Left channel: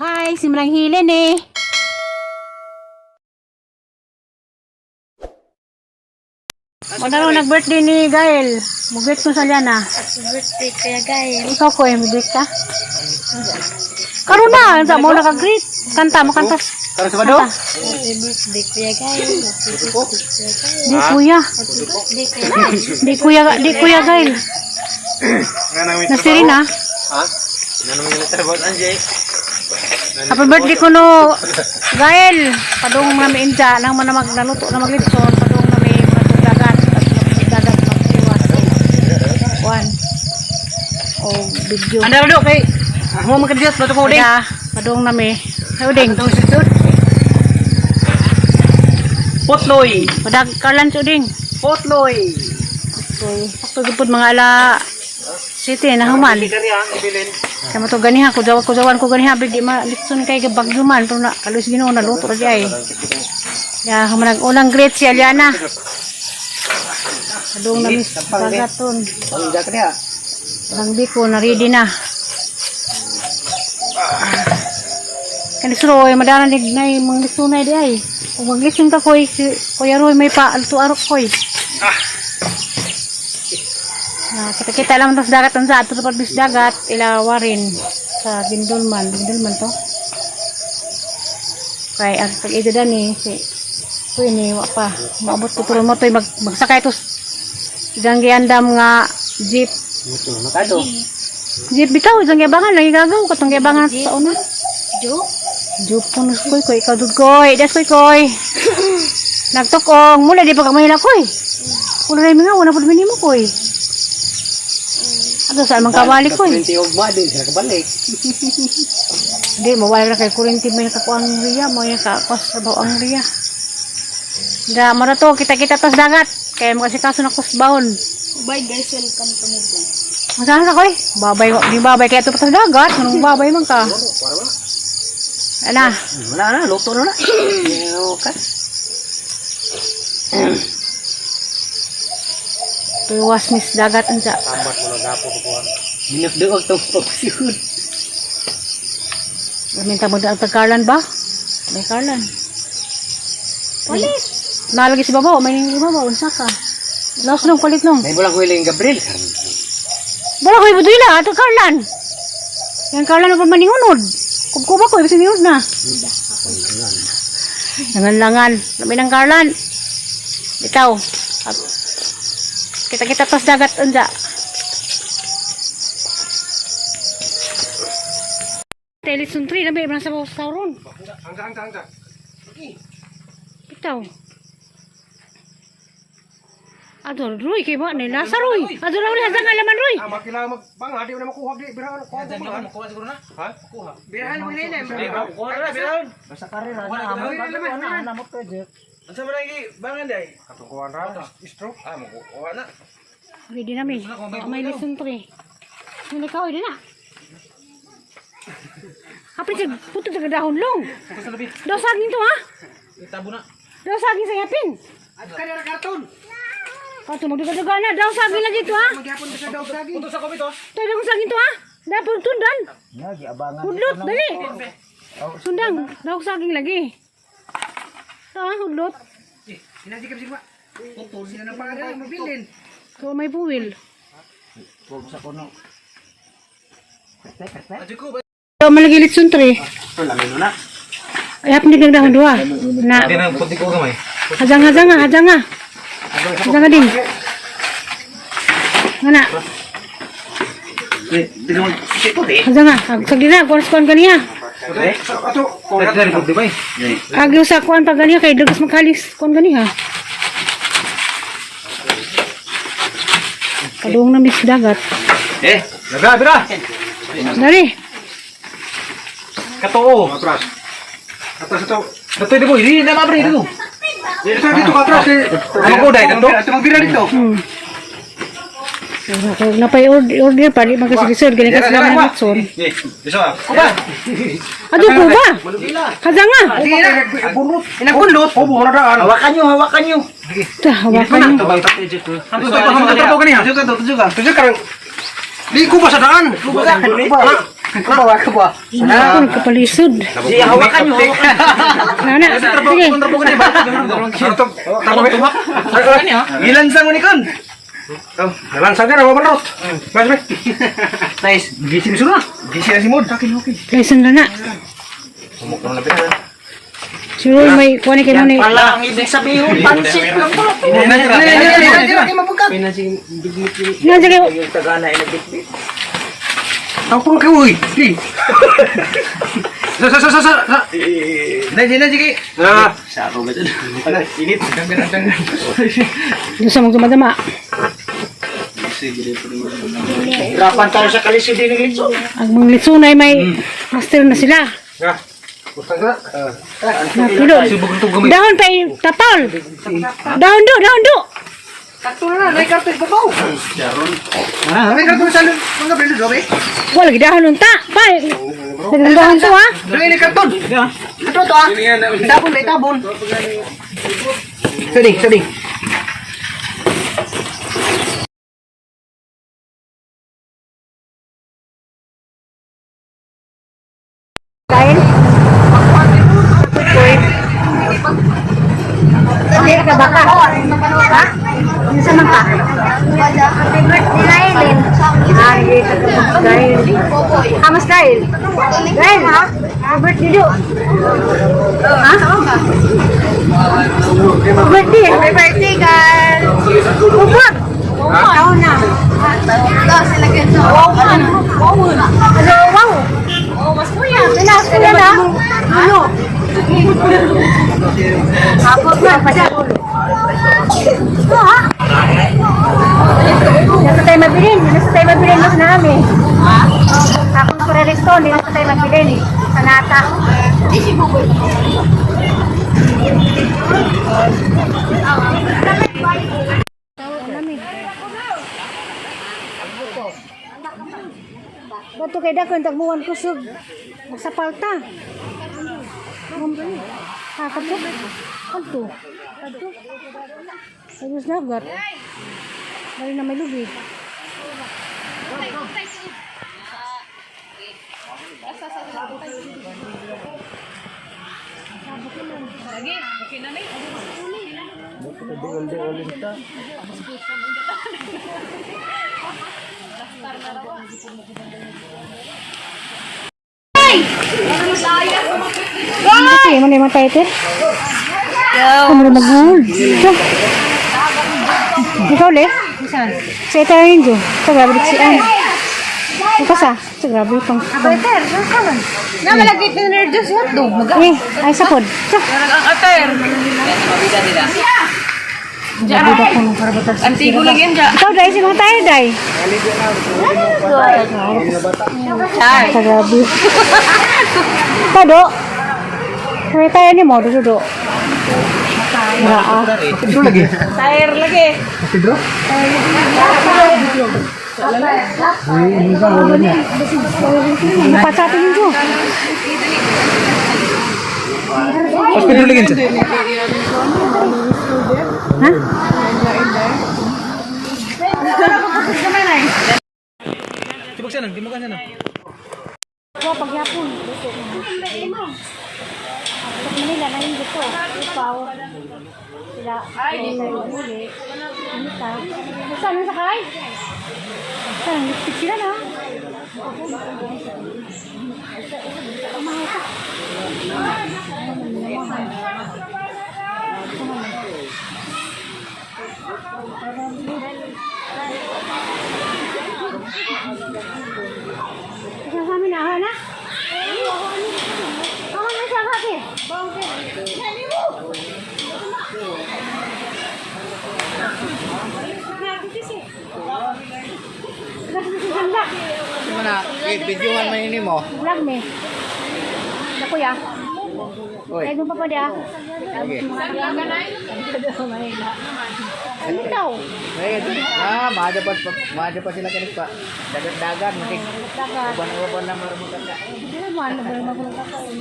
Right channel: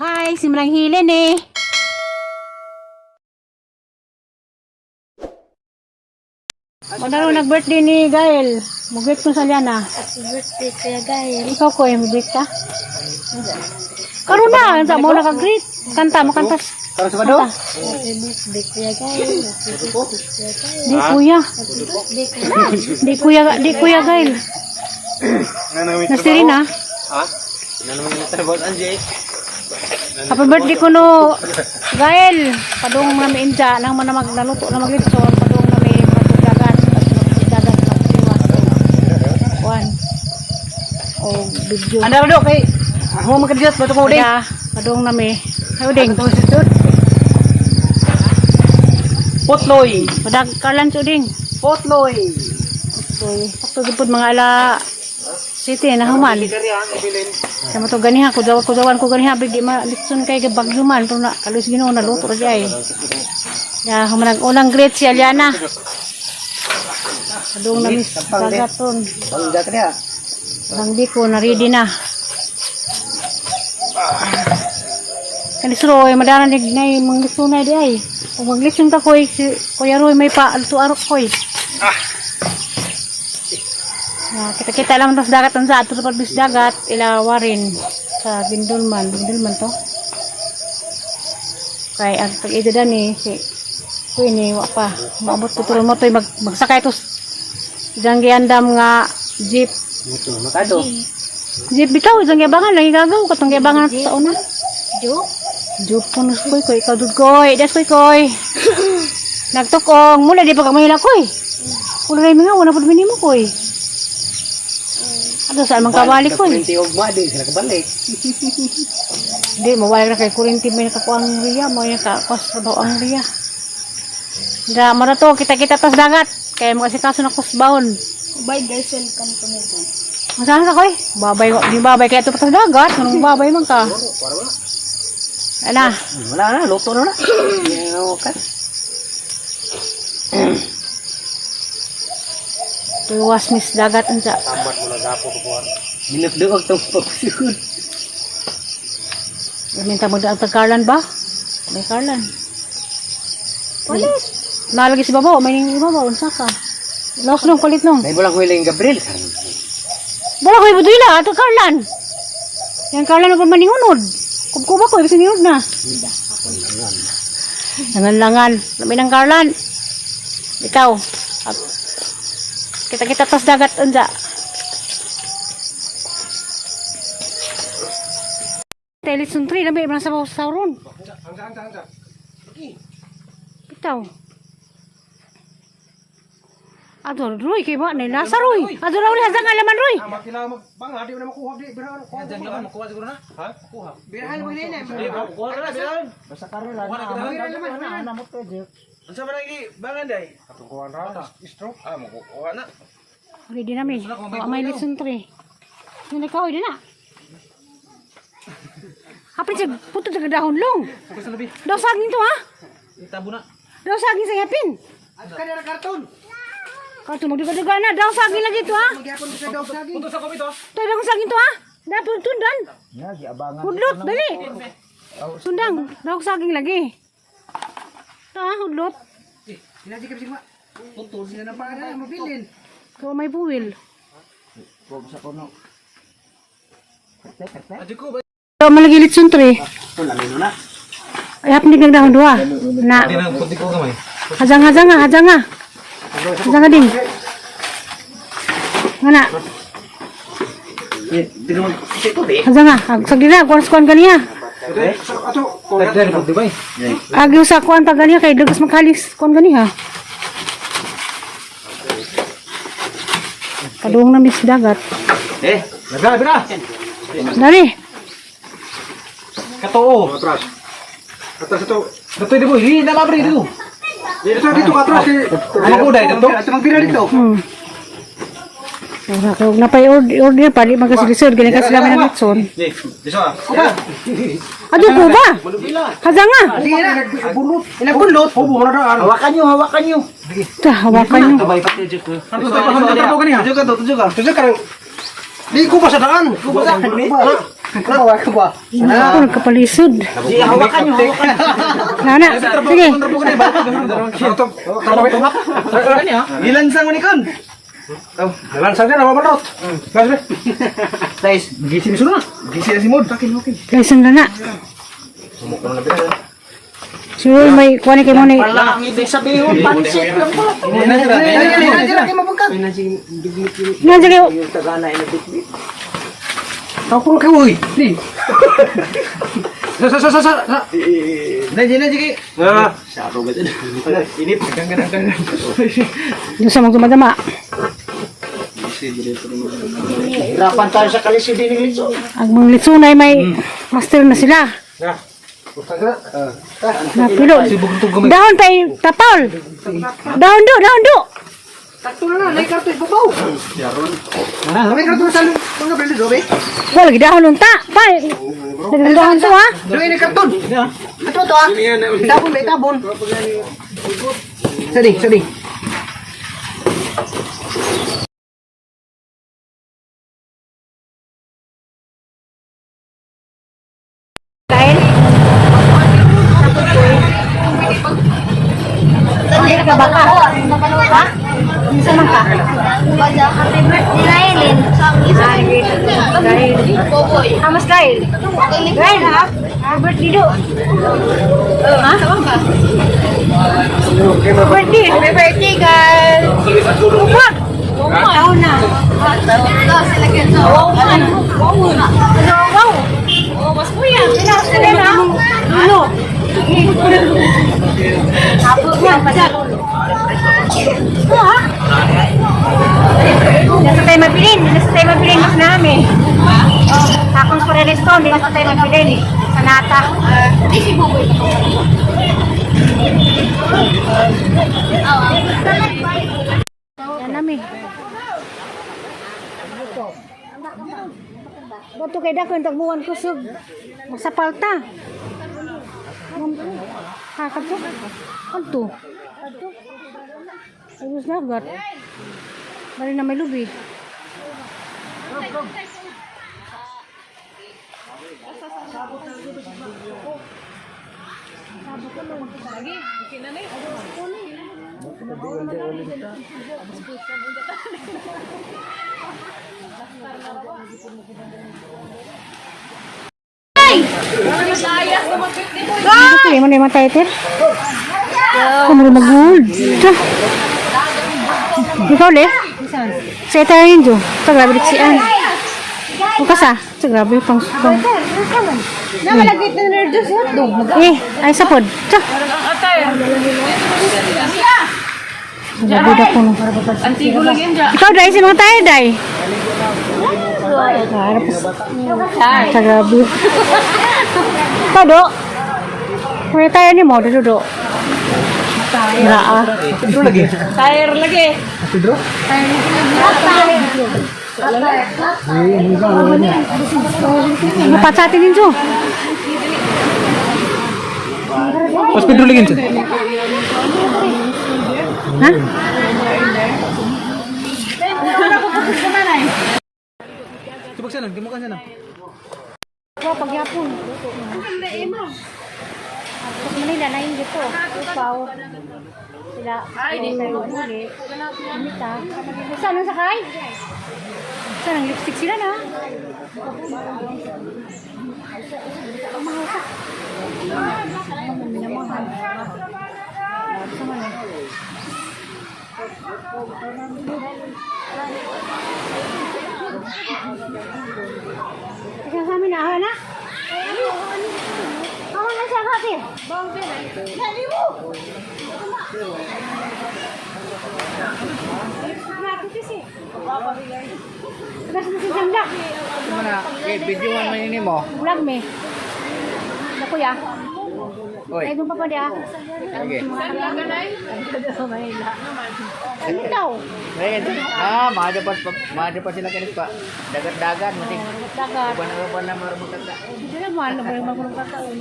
Hi, si Manang Hilen eh. Madaro nag-birthday ni Gael. Mugit ko sa Liana. Happy birthday kaya Gael. Ikaw ko eh, mugit ka? Karoon na, sa mo naka-greet. Kanta mo, kanta. Karo sa bado? Happy birthday kaya Gael. Happy birthday kaya Gael. Di kuya. Happy birthday kaya Gael. Di kuya Gael. Nasirin ha. Ha? Nanong natabot anjay. Happy birthday ko no. Gael. Padung namin inja. Nang manamag naluto na maglitson. Padung namin mga tugdagat. At tugdagat magsiwas. One. O video. Anda bado kay mo magkadiyos bato ko ding. Kaya, padung namin. Ayo ding. Potloy. Padag kalan so ding. Potloy. So, sakto gipod mga ala city na human. Kaya mo to ganiha ko jawan ko ganiha big di ma litson kay bagyo man pero na kalos Ginoo na luto ra di ay. Ya human unang great si Aliana. Adong na mis dagaton. Pangga ka niya. Ang biko na ready na. Kanis Roy madana dig nay mga lisunay di ay. Kung maglison ka koy si Kuya Roy may pa alto arok koy. Kita-kita lang ito sa dagat ang sa ato sa pagbis dagat ilawarin sa Bindulman to kay ang pag-ida dani si ini wa pa maabot ko turon mo to magsakay to dang giandam nga jeep Makado. jeep bitaw dang giabangan lagi gagaw katong giabangan sa una jeep punus koy ikaw dudgoy das koy nagtukong mula di pa ka mahila koy kulay mi nga wala pud minimo koy. Ano saan mang kabalik ko eh. Kurinti ugma di sila kabalik. Hindi, mawala na kay kurinti may nakakuha ang riya. Mo yung kakos sa ang riya. Hindi, mara to, kita-kita tas dagat. Kaya makasikaso na kusbahon. Bye guys, welcome to me. Masahan ka ko eh. Babay, di babay kaya ito pa tas dagat. Anong babay man ka? Ano? Wala na, luto na na. Yaw ka. Tuwas mis dagat anja. Tambat mo na gapo ko. Dinagdag tong pagsiud. Minta mo ang tagkarlan ba? May karlan. Nalagi si babaw, may ibabaw, unsa ka? Laos nung palit nung. Dai bolang ko ilang Gabriel. Bala ko ibutoy na, ito karlan. Yan karlan na pa maningunod. Kubkuba ko, ibig sinunod na. Langan-langan. Labi ng karlan. Bitaw. Kita-kita tas dagat unja. Telison 3, labi, merasa mau sauron. Angka. Bitaw. Aduh, Roy, kayak mana nih? Nasa Roy. Aduh, Roy, hazang alaman Roy. Makila magbang di na makuha di birahan ko. Makuha siguro na. Ha? Makuha. Birahan mo ile na. Makuha na birahan. Basta karera na amo ka pwede. Unsa man lagi bangan day? Katukuan ra stroke. Makuha na. Okay, di namin. May lesson 3. Nang ikaw, di na. Kapit siya, puto sa dahon long. Daw saging to, ha? Tabo na. Daw saging sa yapin. At kanira karton. Karton, magduga-duga na. Daw saging lagi to, ha? Magyapon sa daw saging. Punto sa komito. Tayo daw saging to, ha? Dapat tundan. Lagi abangan. Hudlot, dali. Sundang, daw saging lagi. Ito, ha? Hudlot. Sinajikap sigma. Punto siya na pangalan mabilin. Ito, may buwil. Sa kono. Ito, malagi litson 3. Ito lamin na. Ay, hapin din dahon 2. Na. Hindi na puti ko gamay. Hajang ding. Ngana. Hindi naman ito eh. Hajang sagdi na, kuan kaniya. Ato, kung nagdari ko, di ba eh? Agyo sa kuan pag ganiya kay dagas makalis kuan ganiya. Padung na mis dagat. Laga, bira! Dari. Katoo! Atras. Atras ito. Ito di boy, hindi na mabri dito. Dito dito atras. Ano ko dai dito? Ito magbira dito. Kung napay-order pa, di magkasigisod, ganyan kasi lang ng litson. Dito ah. Kuba! Ado ko ba? Haga nga! Bunot. Inagunlot. Obo na daan. Hawakan nyo. Hawakan nyo. Ano to? Tujuh ka. Di ko ba sa daan? Kuba. Kawa ka ba? Ako nagkapalisod. Di hawakan niyo. Nana, sige. Gilansang mo ni kon. Gilansang ka na ba manot? Bas be. Nice. Gising suno. Gising na si Mod. Kaisan na na. Sumok na pita. Siguro may kuha ni kayo ni. Ang ibig sabihin pansit lang po. Nga sige. Ako ka uy. Di. Sa. Nanti ki. Sa ako ba dyan? Init. Danggan. Doon sa magdumadama. Hirapan tayo sa kalisi din ng litso. Ang mga litsunay may master na sila. Napilo. Dahon pa tapol. Dahon do. Sakto na, may karton ko to. May karton sa mga belo gabi. Wala lagi dahon unta. Pa. Nagdahon to ha. Dali ni karton. Ito to ah. Tabon. Sadi. Dahil Dahil ka baka? Ha? Minsan man ka? Dahilin. Nagkita ka dahil. Mas dahil? Dahil? Robert Dido. Ha? Birthday? Happy birthday, girl. Ubod! Wow na. Wow na. Ano, wow! Oh, mas kuya. Pinas ko yan ha? Ano? Tapos na pa siya. Nasa tayo mabilin. Mas namin. Akong Correlestone, hindi nasa tayo mabilin. Sa nata. Bato kay dako yung tagbuwan ko sub. Masapalta. Hakat ko. Kanto. Ayos na agad. Bali na may lubi. Kasi man yung matay ito. Kamu na mag-gold. Ikaw le? Sa ito yung jo. Sa grabe diksian. Ito sa? Sa grabe pang sutong. Namalagay na nerdos hotdog. Ay sapod. Grabe ko ng para batal. Antigo lang yan dyan. Ikaw dahil si mga tayo dahil. Char. Sa grabe. Pado. Kaya tayo ni mo, do. Naa. Ito lagi. Tire lagi. Pedro? Dapat sa atin yun, Jo. Mas Pedro lagi siya. Ha? Tibok sana, di mo ka sana. Wah, pagyapon. Pag Manila na yung dito. Upaw. Sila. Huli. Anita. Saan ang sakay? Saan ang lipstick sila na? Mahal ka. Minamahal. Ikaw sa amin na, na? Ako na siya kati. Kasi na si Janda. Video ang manini mo. Vlog me. Ako ya. Oy. Ay, gumpa pa dia. Okay. Ano daw? Madapat sila kanis pa. Dagat-dagat mati. Dagat. Uban na marubutan ka. Hindi naman, ano ba yung makulong kakaon?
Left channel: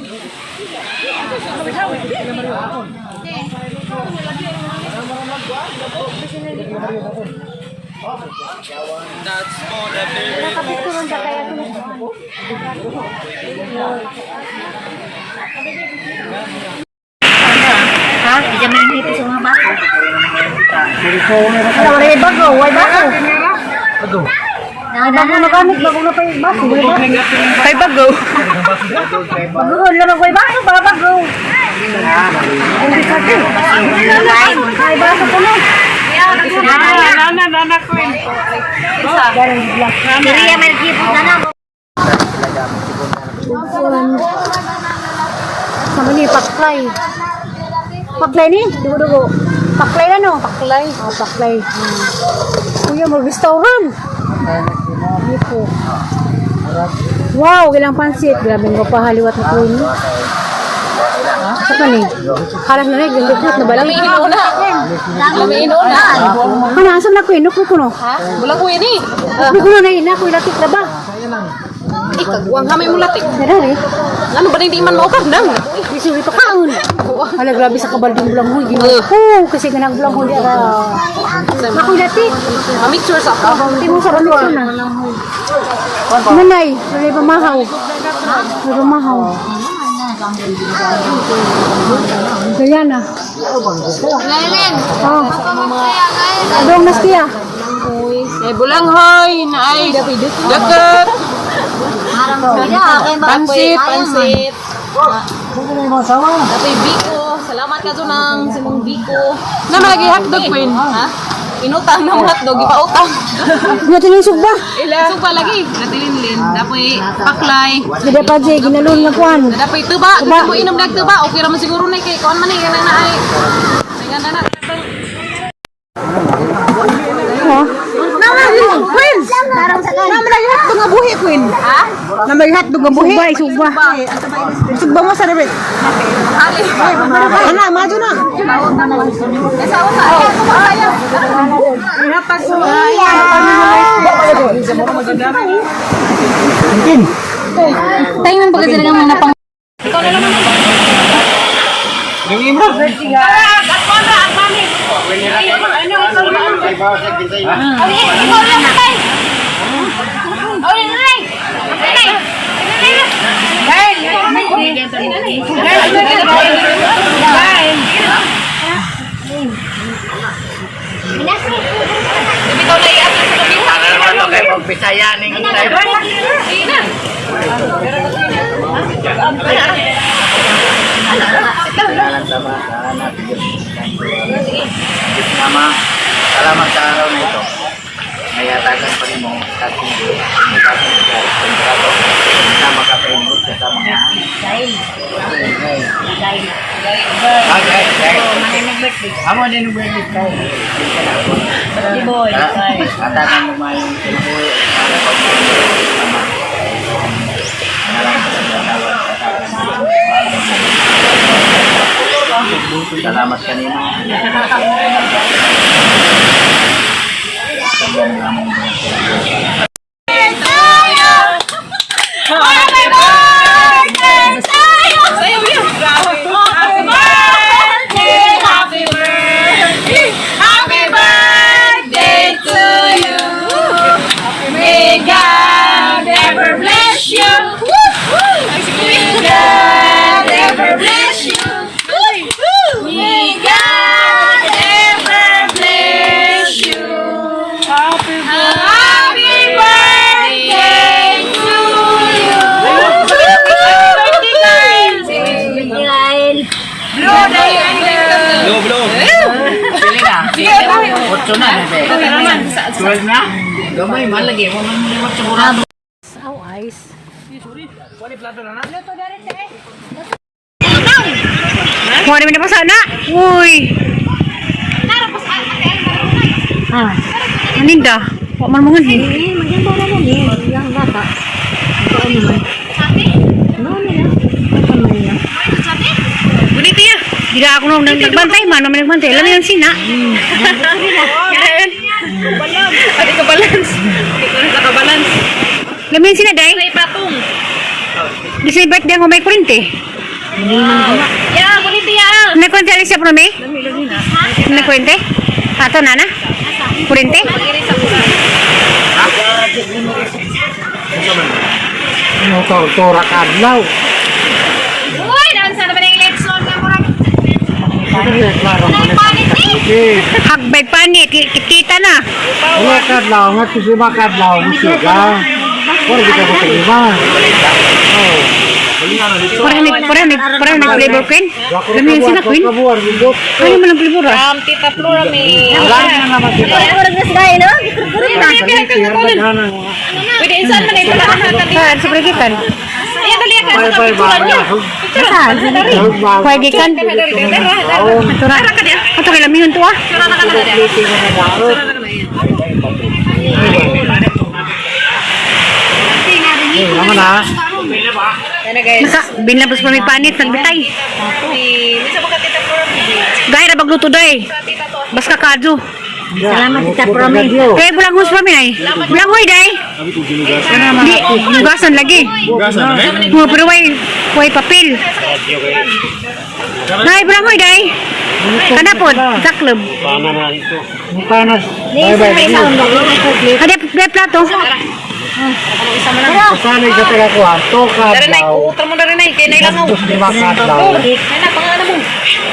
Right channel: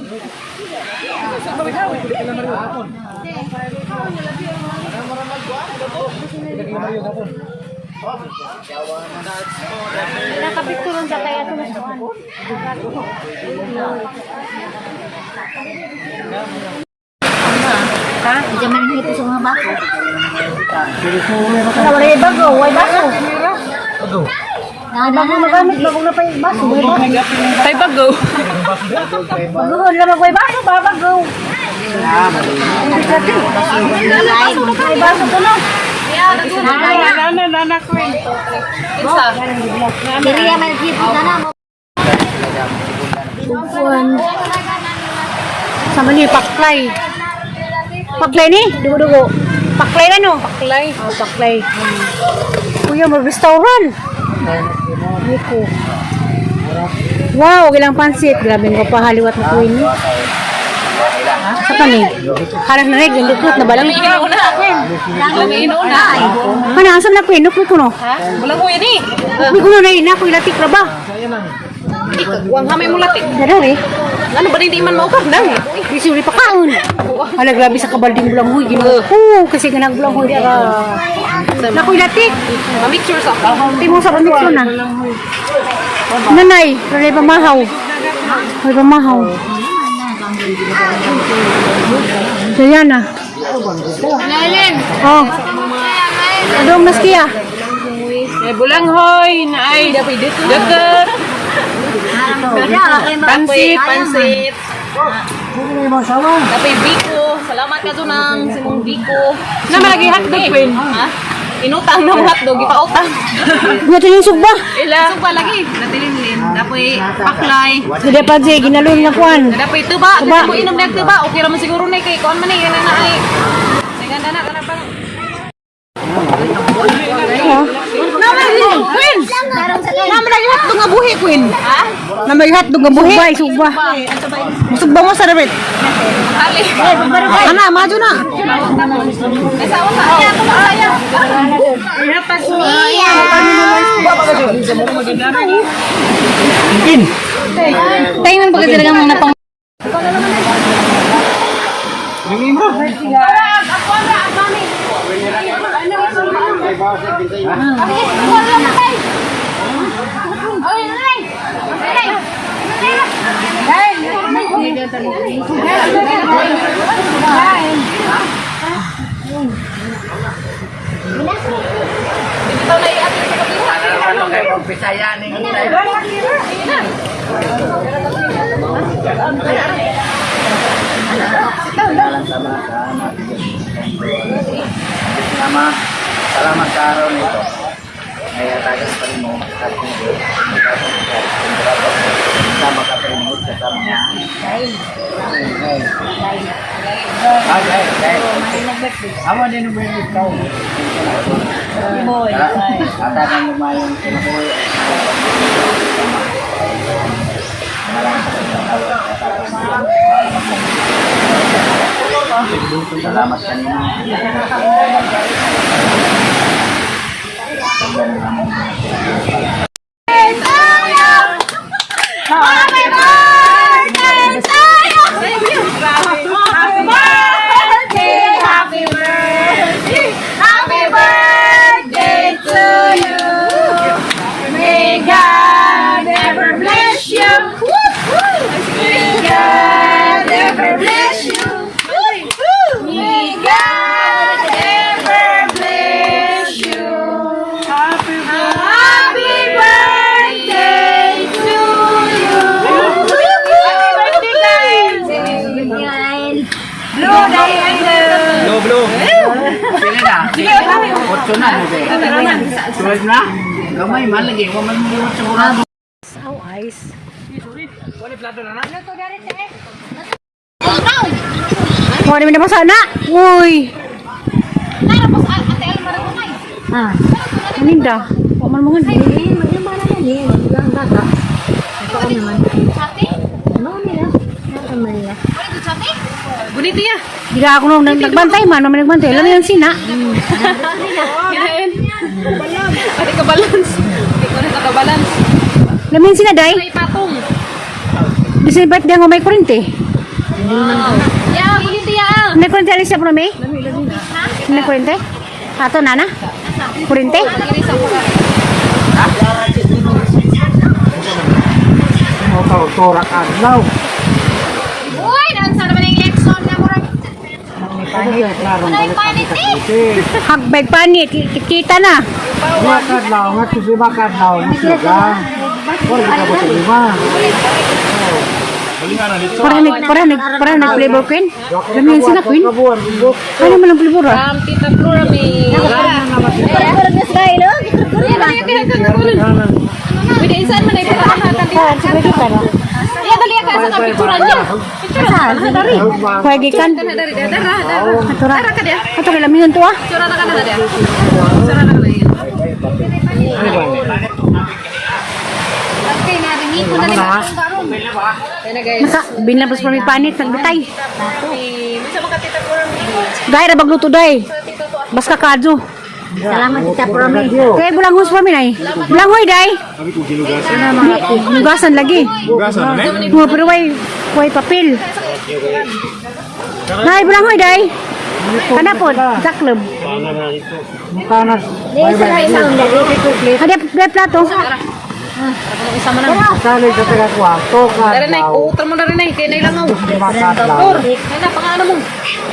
Nakapicturon siya kaya ito na sa ano. Ha? Hindi man hito sa mga bako. Wala wala yung bago, wala bako. Aduh. Ay bago na gamit, bago na pa yung bako. Kay bago. Bago na lang yung bako, baka bago. Ay bako ko na. Anak ko. Diriya may kipot na na. Sama ni paklay. Paklay ni? Dugo-dugo. Paklay na no? Paklay. Oh, paklay. Kuya, may restaurant. Ito. Wow, ilang pansit. Grabe nga pa haliwat na kuya ni. Sa kani? Harap na rin, yung lukot na balang. Lamiin una. Ano, asan na kuya? Nukwi ko no? Bulang ko ini. Nukwi ko no na ina, kuya latik na ba? Ikagwang hamay mo latik. Dara eh. Ano ba hindi man mo kardang? Di suri pa kaon. Hala, grabe sa kabalding bulang huy. Oo, kasi ganang bulang huy. Nakuy latik. Make sure sa ka. Hindi mo sa pamit ko na. Nanay, nanay pamahaw. Nanay pamahaw. Diana. Lailin. Oh. Adong naskiya. Ay bulang hoy na ay deket. Pansit. Tapi biko. Salamat ka dunang sinong biko. Na malagi hotdog queen. Ha? Inutang ng hotdog, ipautang. Buto yung sugba. Suba lagi. Natilinlin. Dapoy paklay. Hindi pa siya, ginalun na kuhan. Dapoy tuba. Tuba mo inom na tuba. Okay raman siguro na kay kuan man ni kana na ay. Naganda na karapang. Ha? Queen. Naman yung hotdog nga buhi queen. Ha? Naman yung hotdog nga buhi. Sugba. Sugba mo sa rabit. Ali. Ana, maju na. Esa una. Kumaya. Dapat so. Tayo man pagka talagang mga pang... Ikaw na naman. Ini mah. Ako na, at mami. Nama, salamat sa araw na ito. Ngayatagan pa rin mo at hindi sama ka pa ingot sa tama nga. Amo din yung birthday ka. Atakan mo mayong sinabuhi. Sama. Salamat kanina. Otso na. Sulit na? Gamay man lagi. Huwag man maliwat sa murado. Oh, ice. Mau di mana sana? Uy. Ah, aninda. Kok man mangan? Bunit ya. Tidak aku nung nagbantay man, naman nagbantay. Alam mo yung sina. Pati ka balance. Ikaw rin ka balance. Alam mo yung sina, day? May patong. Di sa birthday ako may kurente. Ya, bunit ya. May kurente alis siya pro me? May kurente? Ato nana? Kurente? Iri sa Torak adlaw. Uy, naman sana ba na yung election na murag? Hagbay panit, kita na. Wala kadlaw, nga kusuma kadlaw, musiga. Wala kita ko lima. Para nag-flavor queen. Lami yan sila queen. Ano man ang flavor ah? Tita Flora may... Murag na sila no? Pwede insan man ito lang hanggang Saan sa paligitan? Ayan, dali ka sa kapitulan niya. Saan? Paligitan. Atura. Ato kay lami yun to ah. Binlabas pa may panit, nagbitay. Gaya na bagluto day. Bas kakadyo. Kaya bulanghos pa minay. Bulanghoy day. Di, nugasan lagi. Mga pero way papel. Nay, bulanghoy day. Kanapod, sa club. Kanas. Ada plato. Kanas sa tira ko ato Dari naik, kadlaw. utang mo dari naik, kaya nailangaw. Lima kadlaw. Kaya na, pangalan mo.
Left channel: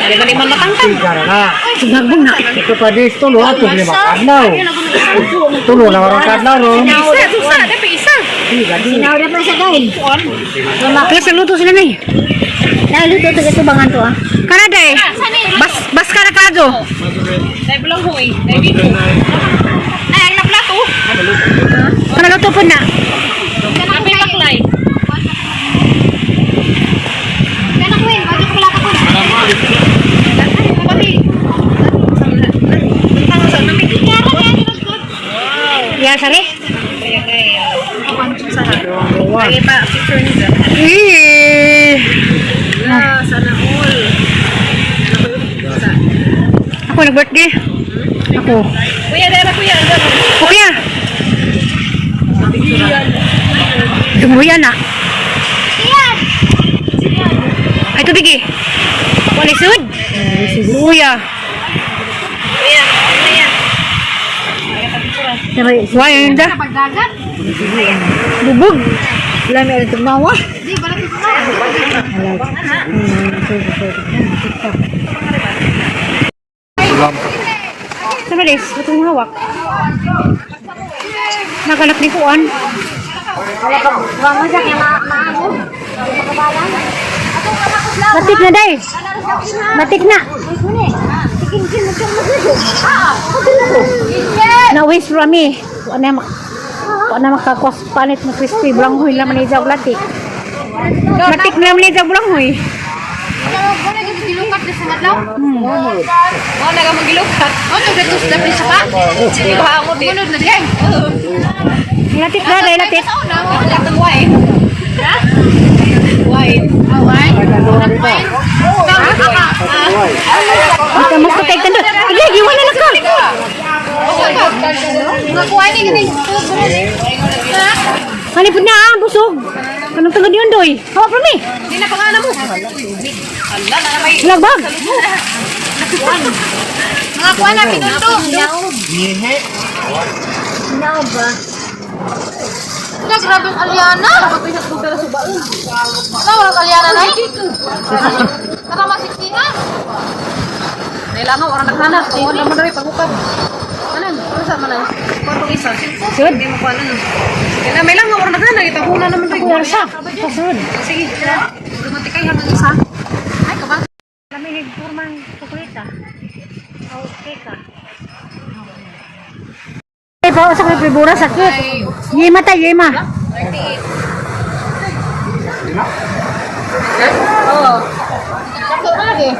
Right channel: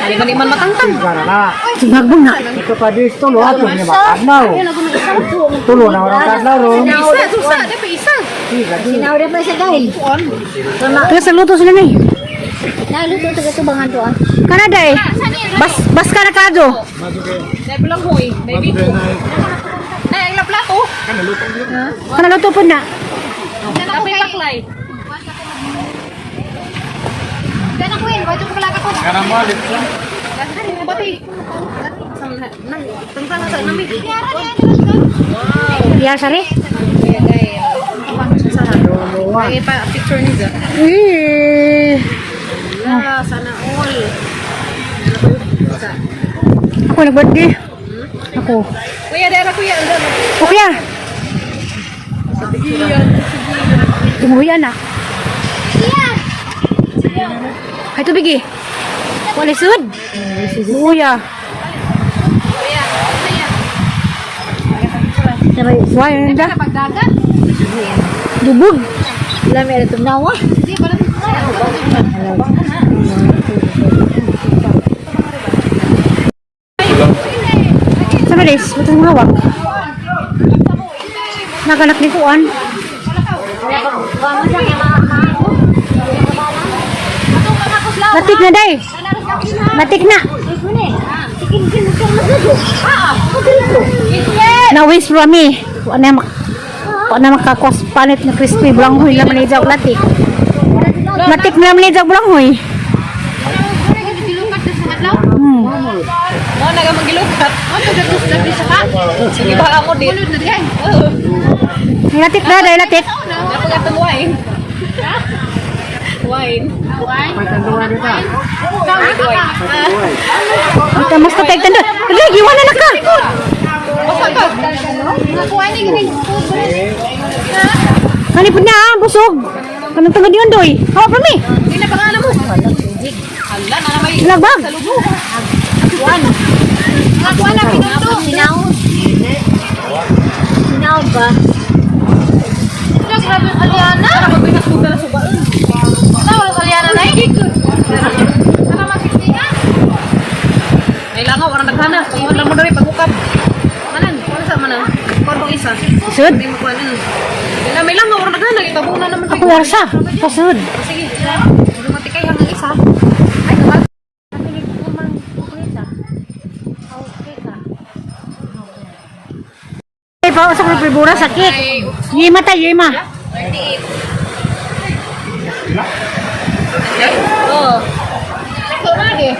Dari man matangtang. Karena Sinagbong na. ito pa dito lo ato lima kadlaw. Tulo na karang kadlaw ro. Isa, susah, ada pa isa. Sinawda pa siya dahil. Kaya sa luto sila na eh. Luto taga tubangan to ah. Kana day. Bas ka na kadyo. Dari belum hui, dari biko. Nah, yang na plato. Kana luto po na. Tapi taklay. Ya sari. Lagi pa picture ni Zah. Sana all. Ako nag-birthday. Ako. Kuya, dari kuya. Okay ah. Dumuyan na. Ay tubig eh. Wala sud. Luya. Wah, yang dah. Dubog. Lami ada tumawa. Sama des, ito yung hawak. Naganak ni Kuan. Matik na day. Matik na. Nawis rami. Wala makakwas panit na crispy bulanghoy laman ni Jog latik. Matik na laman ni Jog bulanghoy. Oh, naga magilukat. Oh, tugatus dapat sa pa. Sige ba ako din? Munod na diyan. Latik na day latik. Ako gatong wine. Ha? Wine. Wine? Wine? Kita mas katay tanda. Lagi wala na ka. Wine ni Kani pud na busog. Kanang tungod yun doy. Hawa pa mi. Hindi na pangalan mo. Hala na may Lagbag. mga kuha na pinundo. Sinaw ba? Grabe Aliana. Wala Aliana na eh. Kana masiktina. Kailangan orang naghanap. Wala mo dari pagukap. Manan, ano sa manan? Parang isa. Sud. Hindi mo kuhanan. Kailangan may lang orang naghanap. Itabunan naman tayo. Kuya sa. Pasud. Sige. Dumatikay hanggang isa. Ay, Kami nagpumang kukulita. Okay ka. Ay, pa sa kulibura sakit. Yema ta, yema. Oh. Sakto lagi.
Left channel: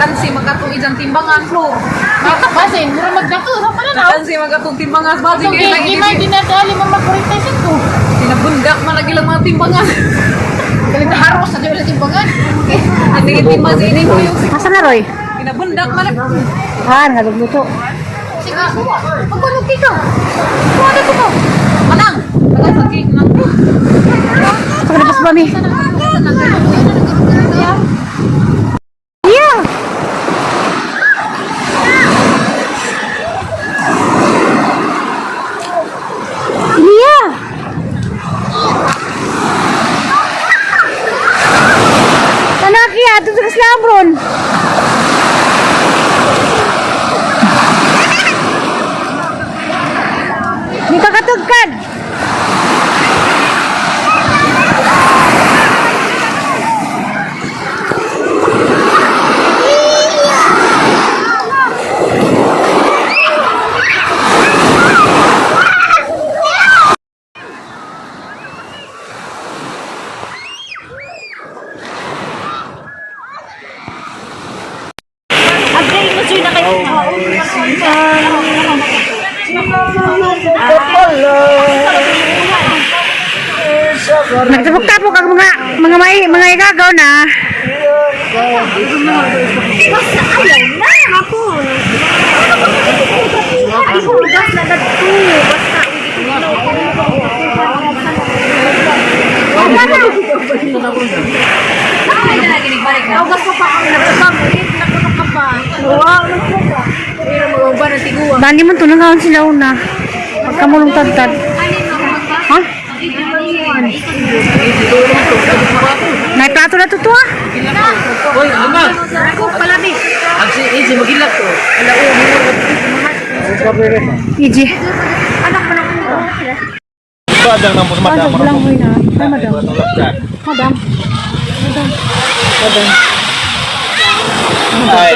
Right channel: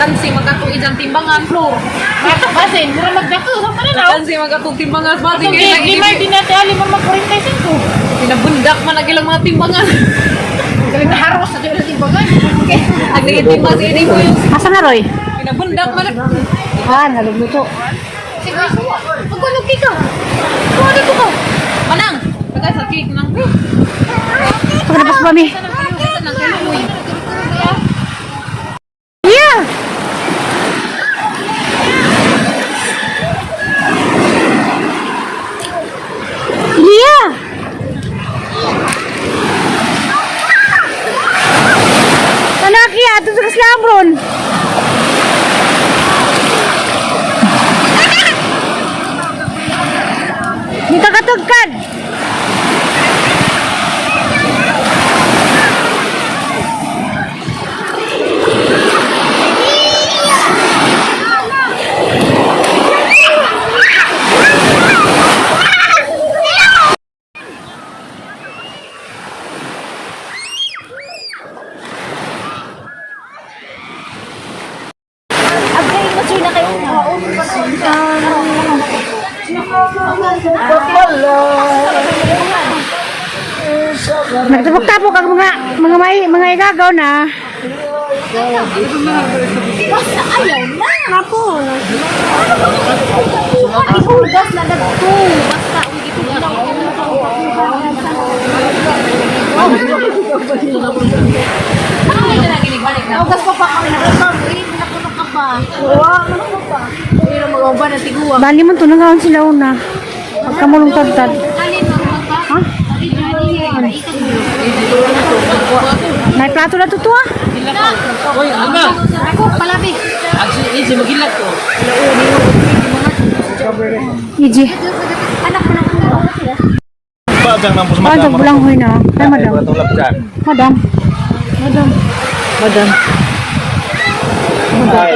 Kansi magkatong ijang timbangan, Flor. Basin, mura magdako sa pananaw. Kansi magkatong timbangan. Basin Itong kayo di may dinatali mo mag-45. pinabundak man lagi lang mga timbangan. Galing na haros sa dito sa timbangan. Nagtigitimba si ini mo yung Asa na, Roy? pinabundak man lagi. Han, halugluto. Sige, suwa. Magkulog ka. Suwa na ko ba? Manang, kagay sa cake nang. Sa kanapas ba mi? Yeah! Yeah! Bron. Dito ka tugkad. Nagtapok-tapok ang mga igagaw na. Basta ayaw na. Apo. Ay, hugas na nagto. Basta, uwi dito na ako. Ay, na naginibalik na. Hugas ko pa ako. Nakunak ka ba? Pero mag-uba na siguro. Bali mo tunangawan sila una. Pagkamulong tagtad. Ha? May plato na to ah. Hoy, ama. Ako, palabis. Easy magilak to. Iji. Anak ko na Badang nang pusa Ano madam. bulang hoy na. Ay madam. Madam. Ay.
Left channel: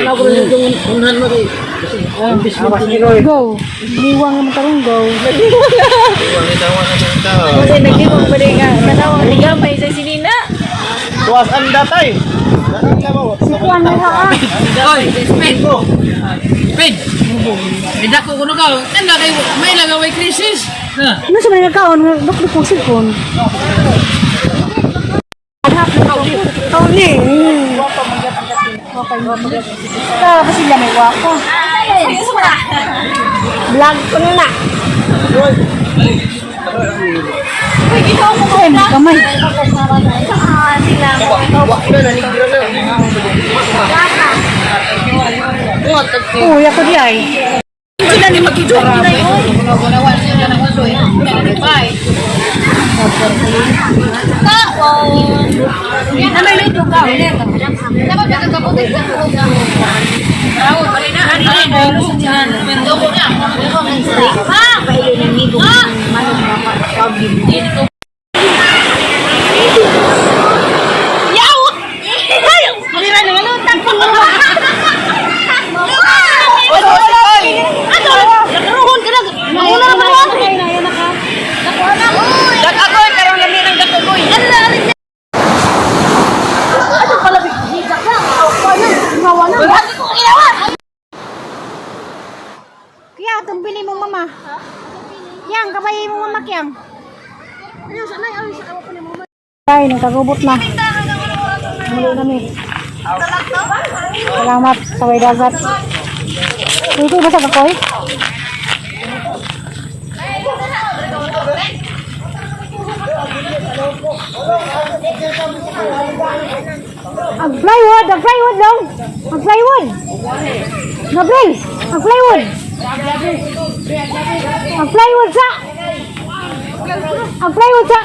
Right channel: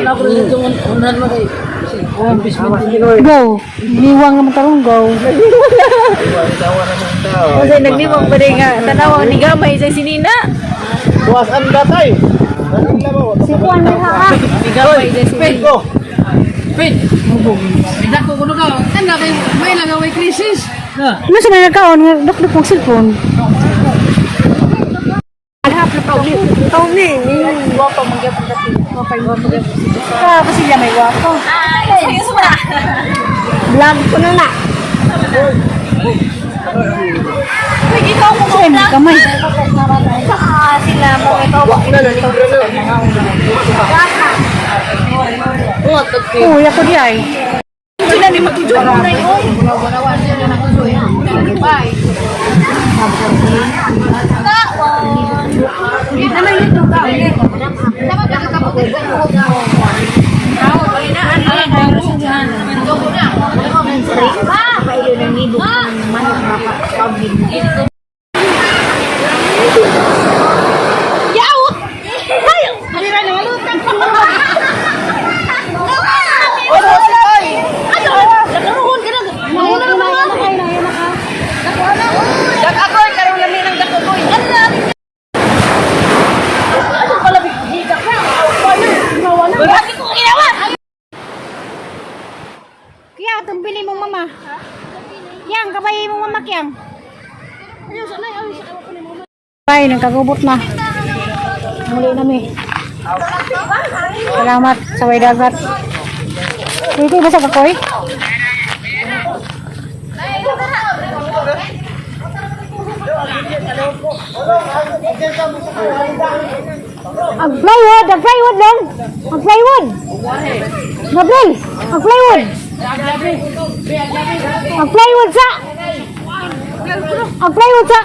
Go. Liwang naman tarong go. Kasi naglimang pa rin nga. Tanawang ni Gamay sa sinina. Tuwas anda tay. Sikuan may haa. Ni Gamay sa sinina. Pin. Tidak ko kuno ka. Kan na kay may lagaway krisis. Ha. Ano sa mga nagkaon? Dok-dok mong cellphone. Ikaw ni. Wapa magyapang dati. Wapa magyapang. Ka, sila may wapa. Vlog ko na na. ikaw mo Ay, may kamay. sila mo ikaw mo Uy, ako di ay. sila ni magidyo na yun Gunawan siya na nagsusoy. Bye. kaon na may lito ka dapat kagkaputin ka mo Tao, bali na. Ano na? Mayroon dyan. Mendo ko na. ha kayo na nibo yaw hindi na nangalutan pa oy nakaruhon ka na wala na ano Dakagoy, karong lami ng dakagoy. Kaya, itong bili mong mama. Yang, kabayi mong mama, Kiyang. Ay, nagkagubot na. Muli nami. Salamat sa way dagat. Uy, ito basag ako eh. Ang plywood lang. Ang plywood. Gabriel, ang plywood. Ang plywood sa. Ang plywood sa.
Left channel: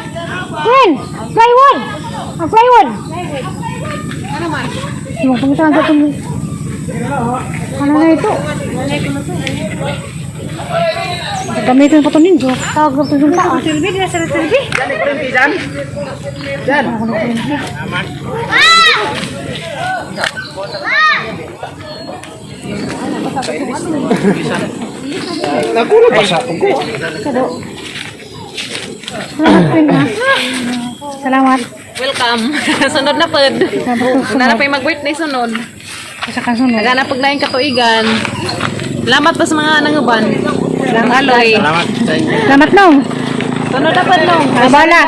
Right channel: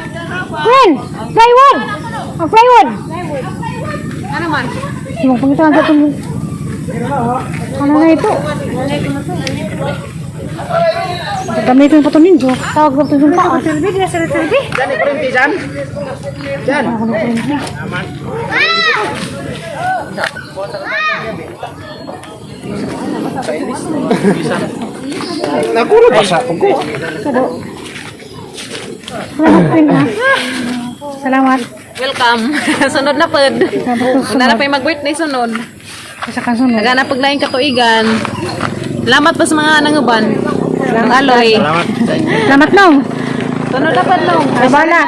Queen, plywood. Ang plywood. Ano man? Yung pangitan sa itong... Ano na ito? Gamitin pa ito ninyo. Tawag ko ito yung paa. Silbi, di na sa silbi. Yan ko rin dyan. Yan. Ako na silbi. Nakulot pa siya. Kado. Salamat, Queen, ha? Salamat. Welcome. Sunod na pod. Nara pa yung mag-birthday sunod. Sa kasunod. Nagana pag laing katuigan. Salamat pa sa mga nanguban. Lang aloy. Salamat, Nong. Sunod na pod nung. Abala.